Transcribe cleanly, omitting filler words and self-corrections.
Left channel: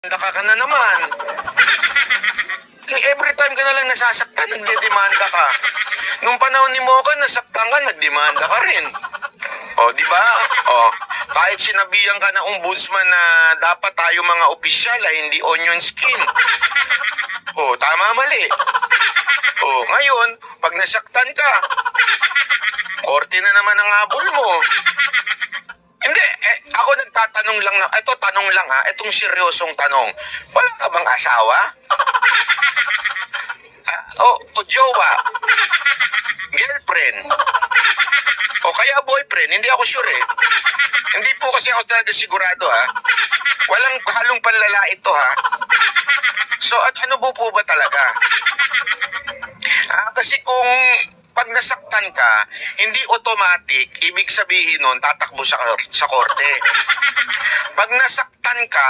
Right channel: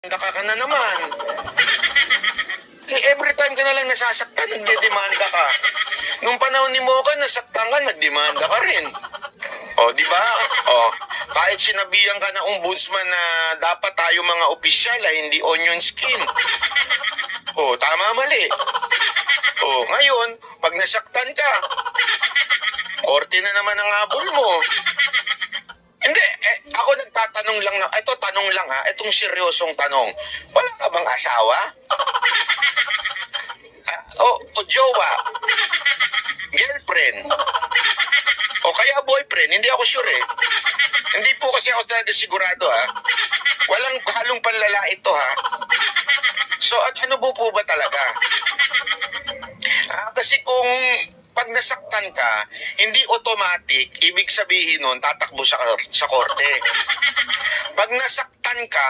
Naka ka na naman. Every time ka na lang nasasaktan, nagdedemanda ka. Nung panahon ni Mocha, nasaktan ka, nagdemanda ka rin. O, di ba? O, kahit sinabihan ka ng ombudsman na dapat tayo mga opisyal ay hindi onion skin. O, tama mali. O, ngayon, pag nasaktan ka, korte na naman ang habol mo. Hindi, ako nagtatanong lang na, ito tanong lang ha, itong seryosong tanong. Wala ka bang asawa? O jowa? Girlfriend? O kaya boyfriend? Hindi ako sure eh. Hindi po kasi ako talaga sigurado ha. Walang halong panlala ito ha. So at ano po ba talaga? Kasi kung pag nasaktan ka, hindi automatic, ibig sabihin nun, tatakbo sa korte. Pag nasaktan ka,